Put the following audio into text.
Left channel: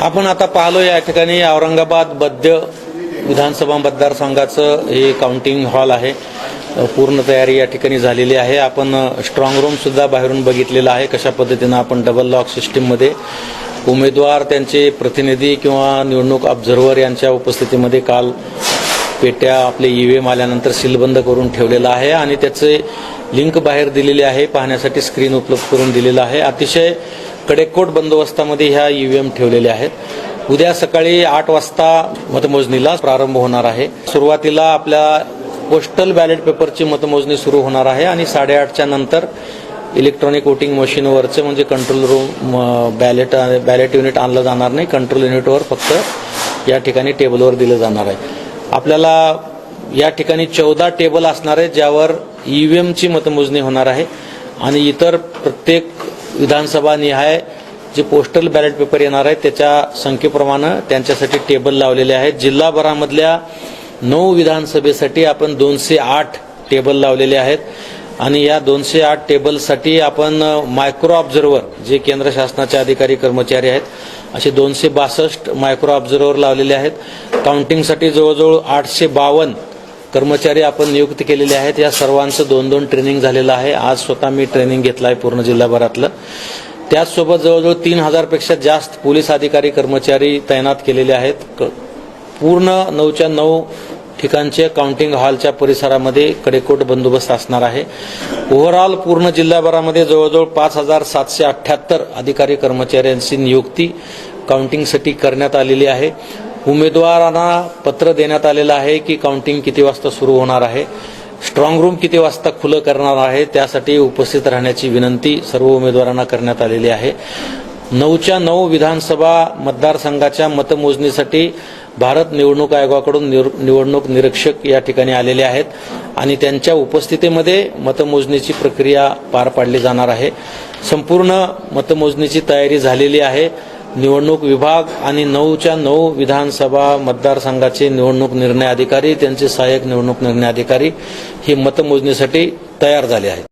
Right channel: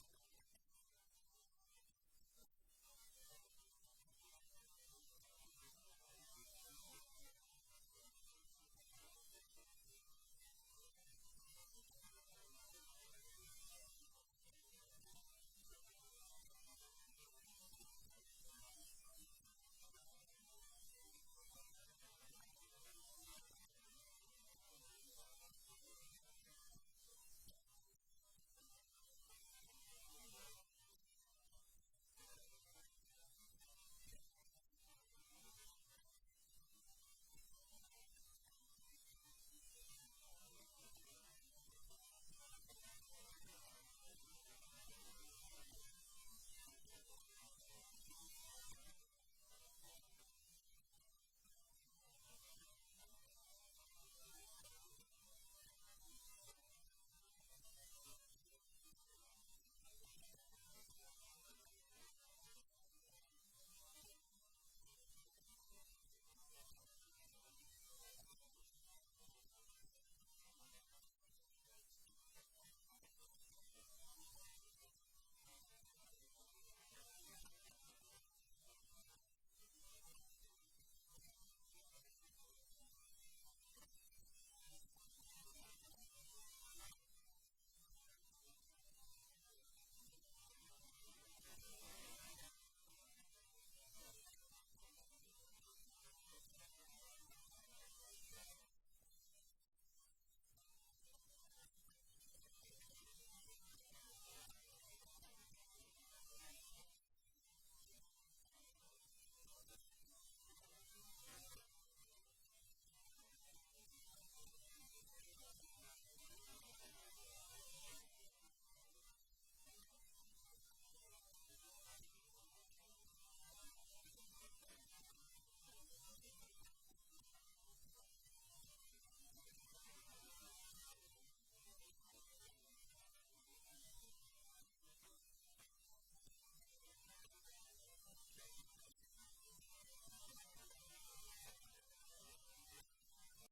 आपण आता पाहलो या ठिकाणी औरंगाबाद मध्य विधानसभा मतदारसंघाचं हे काउंटिंग हॉल आहे। पूर्ण तयारी या ठिकाणी झालेली आहे। आपण स्ट्रॉंग रूम सुद्धा बाहेरून बघितलेला आहे। कशा पद्धतीने आपण डबल लॉक सिस्टीम मध्ये उमेदवार त्यांचे प्रतिनिधी किंवा निवडणूक ऑब्झर्व्हर यांच्या उपस्थितीमध्ये काल पेट्या आपले ईव्हीएम आल्यानंतर सीलबंद करून ठेवलेला आहे आणि त्याचे लिंक बाहेर दिलेली आहे। पाहण्यासाठी स्क्रीन उपलब्ध करून दिलेला आहे। अतिशय कडेकोट बंदोबस्तामध्ये ह्या ईव्हीएम ठेवलेले आहेत। उद्या सकाळी 8 वाजता मतमोजणीला प्रारंभ होणार आहे। सुरुवातीला आपल्या पोस्टल बॅलेट पेपरची मतमोजणी सुरू होणार आहे आणि 8:30च्या नंतर इलेक्ट्रॉनिक वोटिंग मशीनवरचे म्हणजे कंट्रोल रूम बॅलेट युनिट आणलं जाणार नाही। कंट्रोल युनिटवर फक्त या ठिकाणी टेबलवर दिलं जाणार आहे। आपल्याला या ठिकाणी 14 टेबल असणार आहे ज्यावर ईव्हीएमची मतमोजणी होणार आहे आणि इतर प्रत्येक विधानसभा निहाय जे पोस्टल बॅलेट पेपर येणार आहे त्याच्या संख्येप्रमाणे त्यांच्यासाठी टेबल लावलेले आहेत। जिल्हाभरामधल्या 9 विधानसभेसाठी आपण 208 टेबल लावलेले आहेत आणि या 208 टेबलसाठी आपण मायक्रो ऑब्झर्व्हर जे केंद्र शासनाचे अधिकारी कर्मचारी आहेत असे 262 मायक्रो ऑब्झर्व्हर लावलेले आहेत। काउंटिंगसाठी जवळजवळ 852 कर्मचारी आपण नियुक्त केलेले आहेत। या सर्वांचं 2-2 ट्रेनिंग झालेलं आहे। आज स्वतः मी ट्रेनिंग घेतलं आहे पूर्ण जिल्हाभरातलं। त्याचसोबत जवळजवळ 3000 पेक्षा जास्त पोलीस अधिकारी कर्मचारी तैनात केलेले आहेत। पूर्ण 9च्या 9 ठिकाणचे काउंटिंग हॉलच्या परिसरामध्ये कडेकोट बंदोबस्त असणार आहे। ओव्हरऑल पूर्ण जिल्हाभरामध्ये जवळजवळ 5778 अधिकारी कर्मचाऱ्यांची नियुक्ती काउंटिंगसाठी करण्यात आलेली आहे। उमेदवारांना पत्र देण्यात आलेलं आहे की काउंटिंग किती वाजता सुरू होणार आहे, स्ट्रॉंग रूम किती वाजता खुलं करणार आहे, त्यासाठी उपस्थित राहण्याची विनंती सर्व उमेदवारांना करण्यात आलेली आहे। 9च्या 9 विधानसभा मतदारसंघाच्या मतमोजणीसाठी भारत निवडणूक आयोगाकडून निवडणूक निरीक्षक या ठिकाणी आलेले आहेत आणि त्यांच्या उपस्थितीमध्ये मतमोजणीची प्रक्रिया पार पाडली जाणार आहे। संपूर्ण मतमोजणीची तयारी झालेली आहे। निवडणूक विभाग आणि 9च्या 9 विधानसभा मतदारसंघाचे निवडणूक निर्णय अधिकारी त्यांचे सहाय्यक निवडणूक निर्णय अधिकारी हे मतमोजणीसाठी तयार झाले आहेत।